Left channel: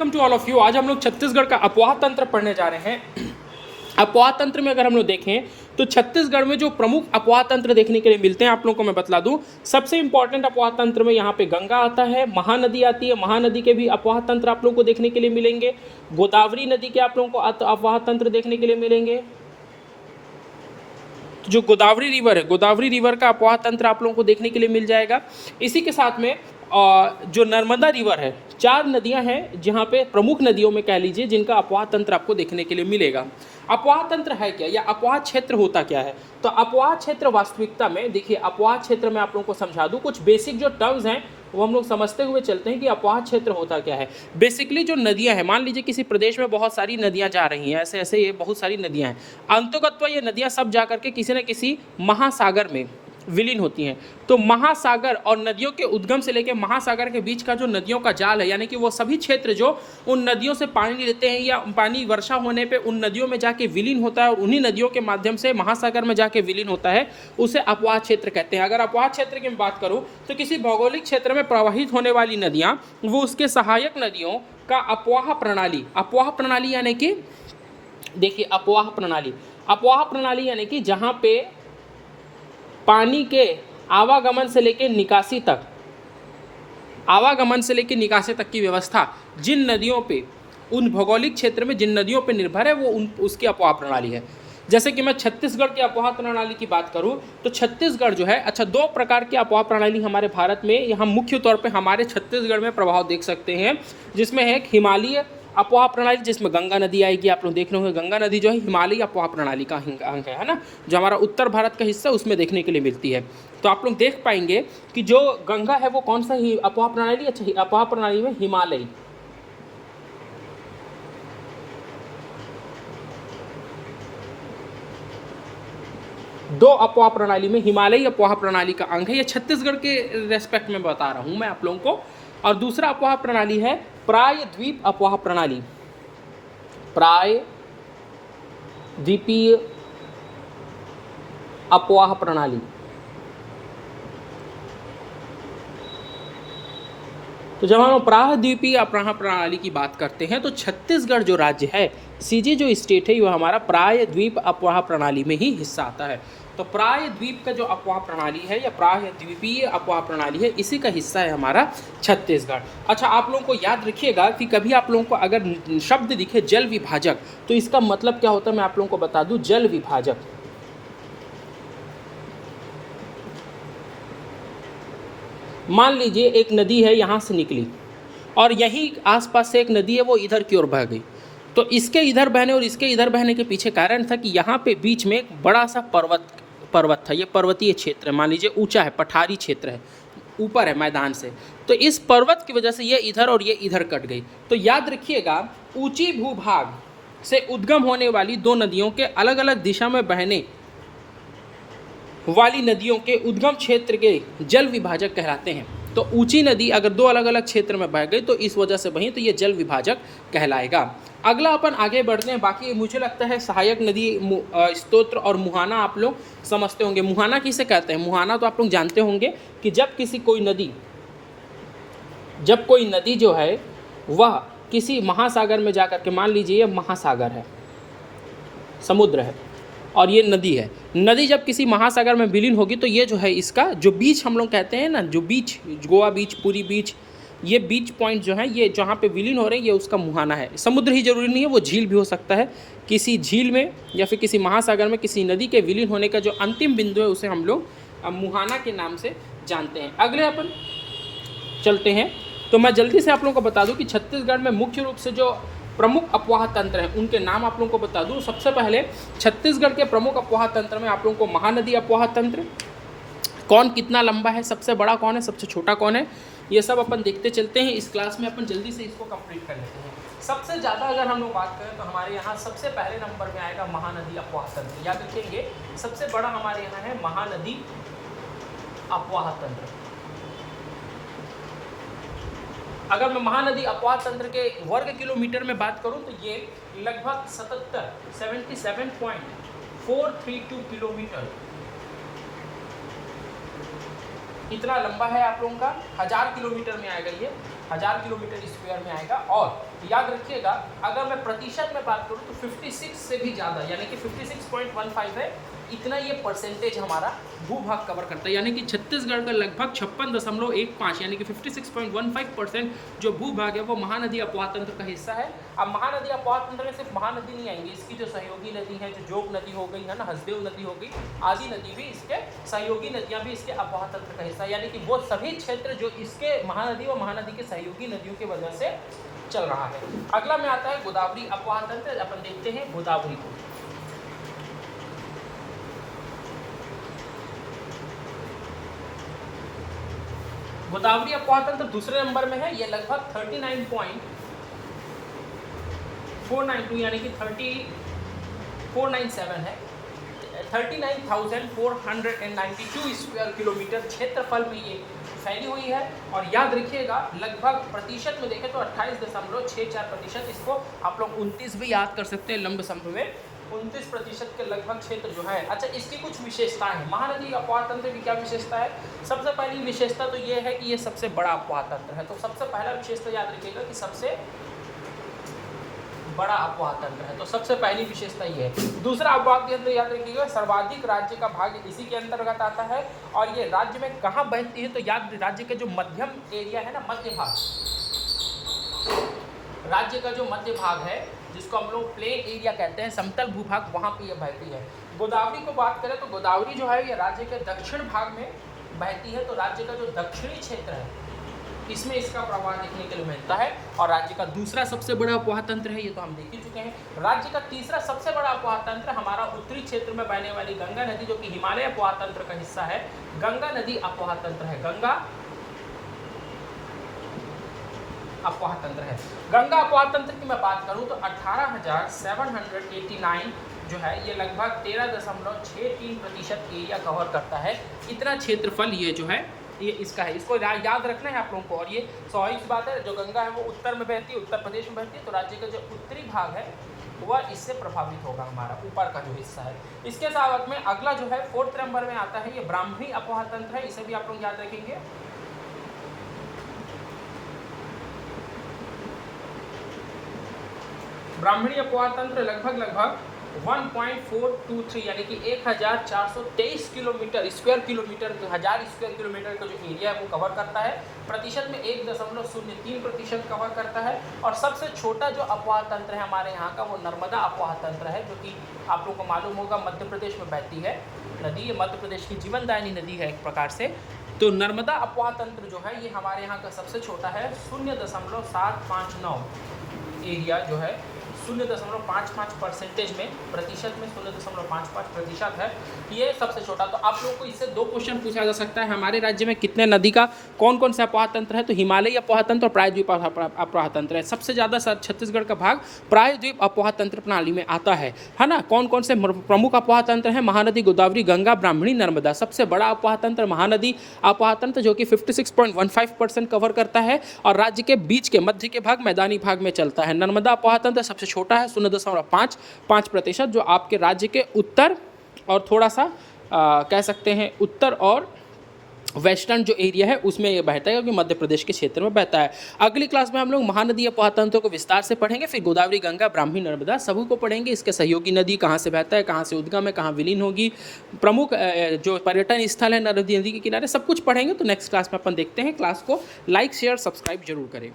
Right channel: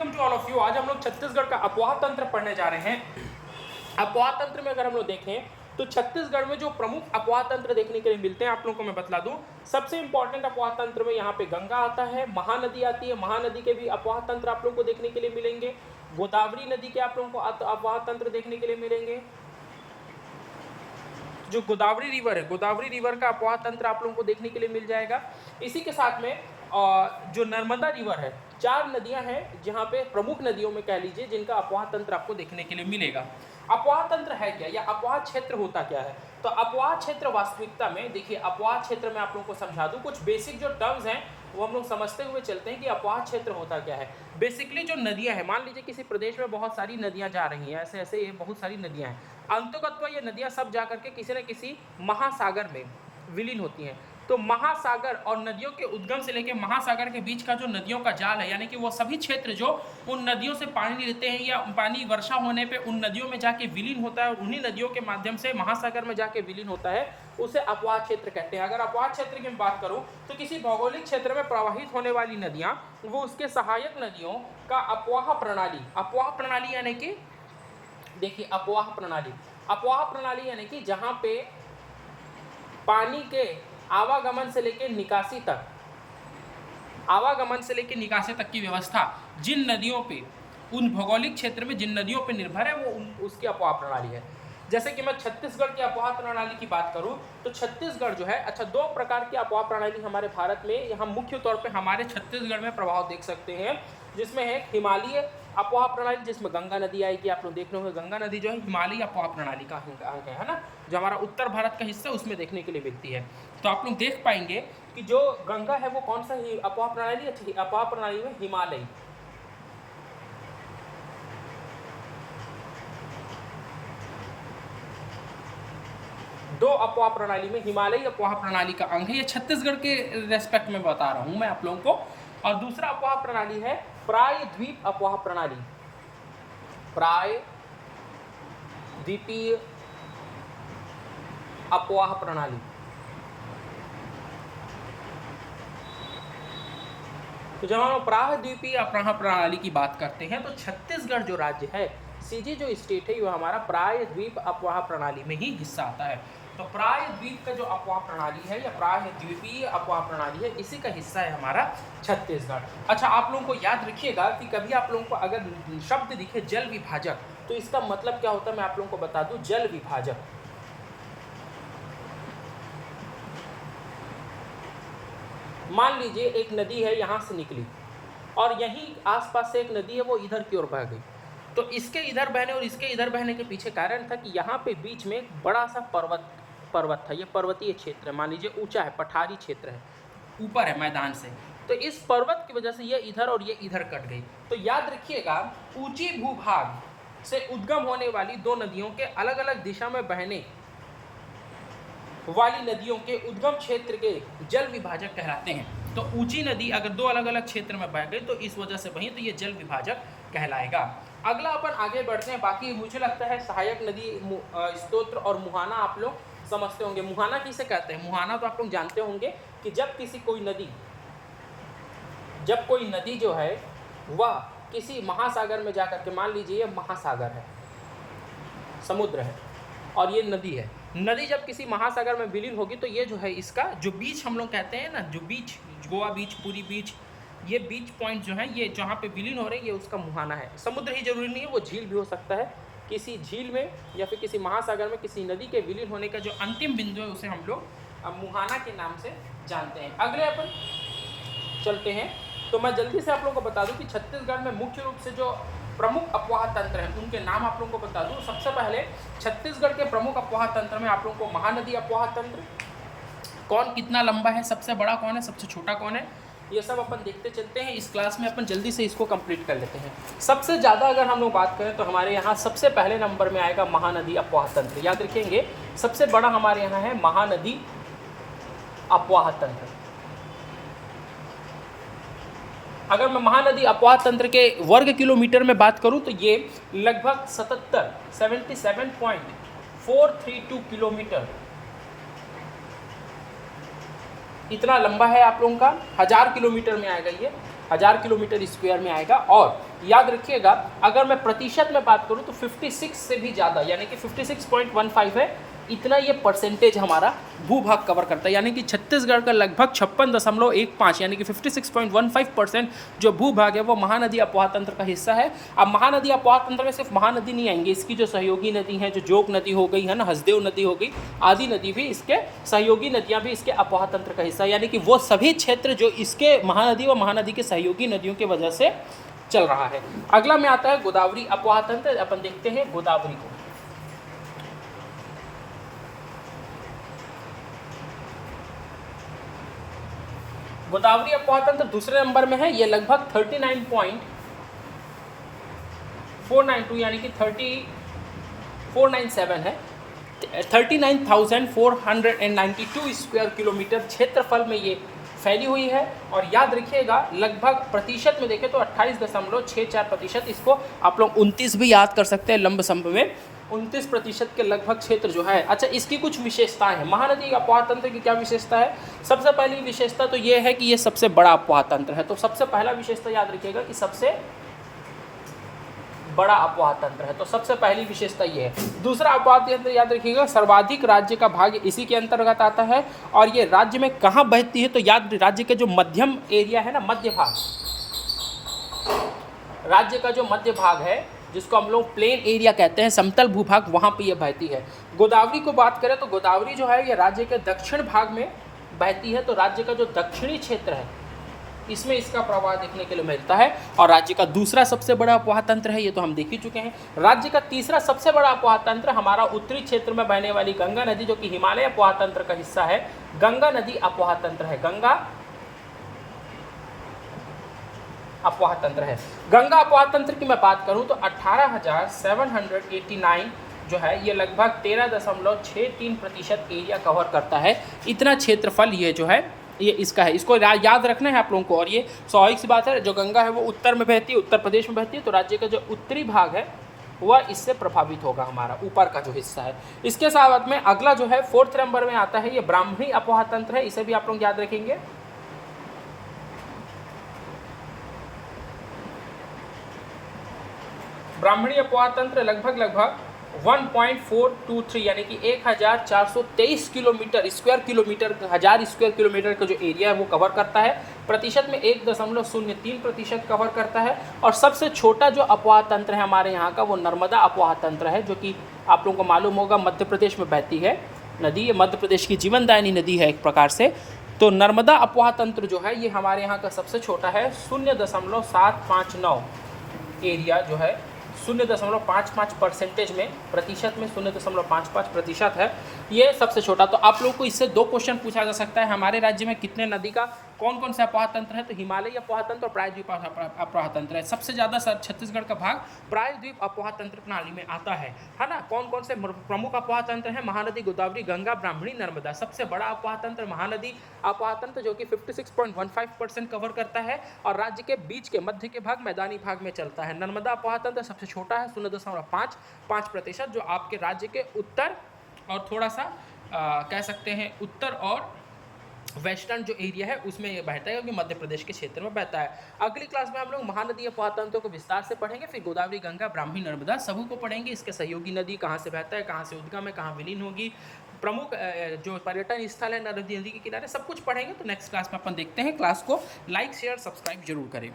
Welcome to all of you. आज हम लोग छत्तीसगढ़ का अपवाह तंत्र पढ़ने जा रहे हैं। अपवाह तंत्र में अगर हम लोग देखें तो छत्तीसगढ़ में जो प्रमुख अपवाह तंत्र देखने के लिए मिलते हैं आप लोगों को मैं बतला दूं। सबसे इंपॉर्टेंट अपवाह तंत्र में यहाँ पे गंगा आता है, महानदी आती है, महानदी के भी अपवाह तंत्र आप लोगों को देखने के लिए मिलेंगे। गोदावरी नदी के आप लोगों को अपवाह तंत्र देखने के लिए मिलेंगे। जो गोदावरी रिवर है, गोदावरी रिवर का अपवाह तंत्र आप लोगों को देखने के लिए मिल जाएगा। इसी के साथ में जो नर्मदा रिवर है, 4 नदियां हैं जहां पे प्रमुख नदियों में कह लीजिए जिनका अपवाह तंत्र आपको देखने के लिए मिलेगा। अपवाह तंत्र है क्या या अपवाह क्षेत्र होता क्या है? तो अपवाह क्षेत्र वास्तविकता में देखिए, अपवाह क्षेत्र में आप लोगों को समझा दूं, कुछ बेसिक जो टर्म्स हैं वो हम लोग समझते हुए चलते हैं कि अपवाह क्षेत्र होता क्या है। बेसिकली जो नदियां हैं, मान लीजिए किसी प्रदेश में बहुत सारी नदियां जा रही हैं, ऐसे ऐसे ये बहुत सारी नदियां हैं, अंततः ये नदियां सब जा करके किसी न किसी महासागर में विलीन होती हैं। तो महासागर और नदियों के उद्गम से लेकर महासागर के बीच का जो नदियों का जाल है, यानी कि वो सभी क्षेत्र जो उन नदियों से पानी लेते हैं या पानी वर्षा होने पे उन नदियों में जाके विलीन होता है और उन्हीं नदियों के माध्यम से महासागर में जाके विलीन होता है, उसे अपवाह क्षेत्र कहते हैं। अगर अपवाह क्षेत्र की मैं बात करूं तो किसी भौगोलिक क्षेत्र में प्रवाहित होने वाली नदियां, वो उसके सहायक नदियों का अपवाह प्रणाली, अपवाह प्रणाली यानी कि देखिए, अपवाह प्रणाली यानी कि जहां पे पानी के आवागमन से लेकर निकासी तक, की व्यवस्था जिन नदियों पे, उन भौगोलिक क्षेत्र में जिन नदियों पे निर्भर है, वो उसकी अपवाह प्रणाली है। जैसे कि मैं छत्तीसगढ़ की अपवाह प्रणाली की बात करूं तो छत्तीसगढ़ जो है, अच्छा, 2 प्रकार की अपवाह प्रणाली हमारे भारत में, यहाँ मुख्य तौर पे हमारे छत्तीसगढ़ में प्रभाव देख सकते हैं, जिसमें है एक हिमालयी अपवाह प्रणाली, जिसमें गंगा नदी आएगी। आप लोग देख रहे होंगे गंगा नदी जो है हिमालयी अपवाह प्रणाली का अंग है ना, जो हमारा उत्तर भारत का हिस्सा उसमें देखने के लिए मिलती है। तो आप लोग देख पाएंगे कि जो गंगा है वो कौन सा ही अपवाह प्रणाली, अच्छा, अपवाह प्रणाली में हिमालयी, दो अपवाह प्रणाली में हिमालयी अपवाह प्रणाली का अंग है। ये छत्तीसगढ़ के रेस्पेक्ट में बता रहा हूं मैं आप लोगों को। और दूसरा अपवाह प्रणाली है प्रायद्वीप अपवाह प्रणाली, प्रायद्वीपीय अपवाह प्रणाली। तो जब हम प्रायद्वीपीय अपवाह प्रणाली की बात करते हैं तो छत्तीसगढ़ जो राज्य है, सीजे जो स्टेट है, वो हमारा प्रायद्वीप अपवाह प्रणाली में ही हिस्सा आता है। तो प्रायद्वीप का जो अपवाह प्रणाली है या प्रायद्वीपीय अपवाह प्रणाली है, इसी का हिस्सा है हमारा छत्तीसगढ़। अच्छा, आप लोगों को याद रखिएगा कि कभी आप लोगों को अगर शब्द दिखे जल विभाजक, तो इसका मतलब क्या होता है मैं आप लोगों को बता दूं। जल विभाजक, मान लीजिए एक नदी है, यहाँ से निकली और यही आसपास से एक नदी है, वो इधर की ओर बह गई। तो इसके इधर बहने और इसके इधर बहने के पीछे कारण था कि यहाँ पे बीच में एक बड़ा सा पर्वत था। ये पर्वतीय क्षेत्र है, मान लीजिए ऊंचा है, पठारी क्षेत्र है, ऊपर है मैदान से। तो इस पर्वत की वजह से ये इधर और ये इधर कट गई। तो याद रखिएगा, ऊंची भूभाग से उद्गम होने वाली 2 नदियों के अलग अलग दिशा में बहने वाली नदियों के उद्गम क्षेत्र के जल विभाजक कहलाते हैं। तो ऊंची नदी अगर 2 अलग अलग क्षेत्र में बह गई तो इस वजह से बही, तो ये जल विभाजक कहलाएगा। अगला अपन आगे बढ़ते हैं। बाकी मुझे लगता है सहायक नदी स्तोत्र और मुहाना आप लोग समझते होंगे। मुहाना किसे कहते हैं? मुहाना तो आप लोग जानते होंगे कि जब कोई नदी जो है वह किसी महासागर में जाकर के, मान लीजिए ये महासागर है, समुद्र है और ये नदी है, नदी जब किसी महासागर में विलीन होगी तो ये जो है इसका जो बीच हम लोग कहते हैं ना, जो बीच, गोवा बीच, पूरी बीच, ये बीच पॉइंट जो है, ये जहाँ पे विलीन हो रहे हैं, ये उसका मुहाना है। समुद्र ही जरूरी नहीं है, वो झील भी हो सकता है। किसी झील में या फिर किसी महासागर में किसी नदी के विलीन होने का जो अंतिम बिंदु है उसे हम लोग मुहाना के नाम से जानते हैं। अगले अपन चलते हैं। तो मैं जल्दी से आप लोगों को बता दूं कि छत्तीसगढ़ में मुख्य रूप से जो प्रमुख अपवाह तंत्र हैं उनके नाम आप लोगों को बता दूं। सबसे पहले छत्तीसगढ़ के प्रमुख अपवाह तंत्र में आप लोगों को महानदी अपवाह तंत्र, कौन कितना लंबा है, सबसे बड़ा कौन है, सबसे छोटा कौन है, ये सब अपन देखते चलते हैं। इस क्लास में अपन जल्दी से इसको कंप्लीट कर लेते हैं। सबसे ज़्यादा अगर हम लोग बात करें तो हमारे यहाँ सबसे पहले नंबर में आएगा महानदी अपवाह तंत्र। याद रखेंगे, सबसे बड़ा हमारे यहाँ है महानदी अपवाह तंत्र। अगर मैं महानदी अपवाह तंत्र के वर्ग किलोमीटर में बात करूं तो ये लगभग 77.432 किलोमीटर इतना लंबा है आप लोगों का। 1000 किलोमीटर में आएगा ये 1000 किलोमीटर स्क्वायर में आएगा। और याद रखिएगा अगर मैं प्रतिशत में बात करूं तो 56 से भी ज़्यादा यानी कि 56.15 है, इतना ये परसेंटेज हमारा भूभाग कवर करता है। यानी कि छत्तीसगढ़ का लगभग 56.15 यानी कि 56.15% जो भूभाग है वो महानदी अपोहा तंत्र का हिस्सा है। अब महानदी अपोहा तंत्र में सिर्फ महानदी नहीं आएंगे, इसकी जो सहयोगी नदी है, जो जोग नदी हो गई है ना, हसदेव नदी हो गई, आदि नदी भी इसके सहयोगी नदियाँ भी इसके अपोहा तंत्र का हिस्सा है। यानी कि वो सभी क्षेत्र जो इसके महानदी व महानदी के सहयोगी नदियों की वजह से चल रहा है। अगला में आता है गोदावरी अपोहा तंत्र। अपन देखते हैं गोदावरी को। गोदावरी अपोहा तंत्र दूसरे नंबर में है, ये लगभग 39.492 यानी कि 3497 है, 39,492 स्क्वायर किलोमीटर क्षेत्रफल में ये फैली हुई है। और याद रखिएगा लगभग प्रतिशत में देखें तो 28.64%, इसको आप लोग 29 भी याद कर सकते हैं लंब सम्ब में, 29% के लगभग क्षेत्र जो है। अच्छा, इसकी कुछ विशेषताएं हैं। महानदी अपोहा तंत्र की क्या विशेषता है? सबसे पहली विशेषता तो ये है कि ये सबसे बड़ा अपोहा तंत्र है। तो सबसे पहला विशेषता याद रखिएगा कि सबसे बड़ा अपोहा तंत्र है, तो सबसे पहली विशेषता ये है। दूसरा अपोहा तंत्र याद रखिएगा सर्वाधिक राज्य का भाग इसी के अंतर्गत आता है। और ये राज्य में कहाँ बहती है? तो याद राज्य के जो मध्यम एरिया है ना, मध्य भाग, राज्य का जो मध्य भाग है जिसको हम लोग प्लेन एरिया कहते हैं, समतल भूभाग, वहाँ पे ये बहती है। गोदावरी को बात करें तो गोदावरी जो है ये राज्य के दक्षिण भाग में बहती है। तो राज्य का जो दक्षिणी क्षेत्र है इसमें इसका प्रवाह देखने के लिए मिलता है। और राज्य का दूसरा सबसे बड़ा अपोहा तंत्र है, ये तो हम देख ही चुके हैं। राज्य का तीसरा सबसे बड़ा अपोहा तंत्र हमारा उत्तरी क्षेत्र में बहने वाली गंगा नदी, जो कि हिमालय अपोहा तंत्र का हिस्सा है, गंगा नदी अपोहा तंत्र है। गंगा अपोहा तंत्र है। गंगा अपोहा तंत्र की मैं बात करूं तो 18,789 जो है ये लगभग 13.63% एरिया कवर करता है। इतना क्षेत्रफल ये जो है ये इसका है, इसको याद रखना है आप लोगों को। और ये स्वाभाविक सी बात है, जो गंगा है वो उत्तर में बहती है, उत्तर प्रदेश में बहती है, तो राज्य का जो उत्तरी भाग है वह इससे प्रभावित होगा, हमारा ऊपर का जो हिस्सा है। इसके साथ में अगला जो है 4th नंबर में आता है, ये ब्राह्मणी अपोहा तंत्र है। इसे भी आप लोग याद रखेंगे। ब्राह्मणी अपोहा तंत्र लगभग 1.423 यानी कि 1423 kilometre square kilometre, 1000 square kilometre का जो एरिया है वो कवर करता है। प्रतिशत में 1.03% कवर करता है। और सबसे छोटा जो अपोहा तंत्र है हमारे यहाँ का वो नर्मदा अपोहा तंत्र है, जो कि आप लोगों को मालूम होगा मध्य प्रदेश में बहती है नदी। ये मध्य प्रदेश की जीवनदायिनी नदी है एक प्रकार से। तो नर्मदा अपोहा तंत्र जो है ये हमारे यहाँ का सबसे छोटा है, 0.759 एरिया जो है 0.55% में, प्रतिशत में 0.55% है, ये सबसे छोटा। तो आप लोग को इससे 2 क्वेश्चन पूछा जा सकता है, हमारे राज्य में कितने नदी का कौन कौन सा अपोहा तंत्र है? तो हिमालयी अपोहा तंत्र और प्रायद्वीप अपोहा तंत्र है। सबसे ज़्यादा छत्तीसगढ़ का भाग प्रायद्वीप अपोहा तंत्र प्रणाली में आता है ना। कौन कौन से प्रमुख अपोहा तंत्र हैं? महानदी, गोदावरी, गंगा, ब्राह्मणी, नर्मदा। सबसे बड़ा अपोहा तंत्र महानदी अपोहा तंत्र जो कि 56.15% कवर करता है और राज्य के बीच के मध्य के भाग, मैदानी भाग में चलता है। नर्मदा अपोहा तंत्र सबसे छोटा है, 0.5% जो आपके राज्य के उत्तर और थोड़ा सा कह सकते हैं उत्तर और वेस्टर्न जो एरिया है उसमें ये बहता है, क्योंकि मध्य प्रदेश के क्षेत्र में बहता है। अगली क्लास में हम लोग महानदी अपोहा तंत्र को विस्तार से पढ़ेंगे, फिर गोदावरी, गंगा, ब्राह्मणी, नर्मदा सभी को पढ़ेंगे। इसके सहयोगी नदी कहाँ से बहता है, कहाँ से उद्गम है, कहाँ विलीन होगी, प्रमुख जो पर्यटन स्थल है नदी के किनारे, सब कुछ पढ़ेंगे। तो नेक्स्ट क्लास में अपन देखते हैं। क्लास को लाइक, शेयर, सब्सक्राइब जरूर करें।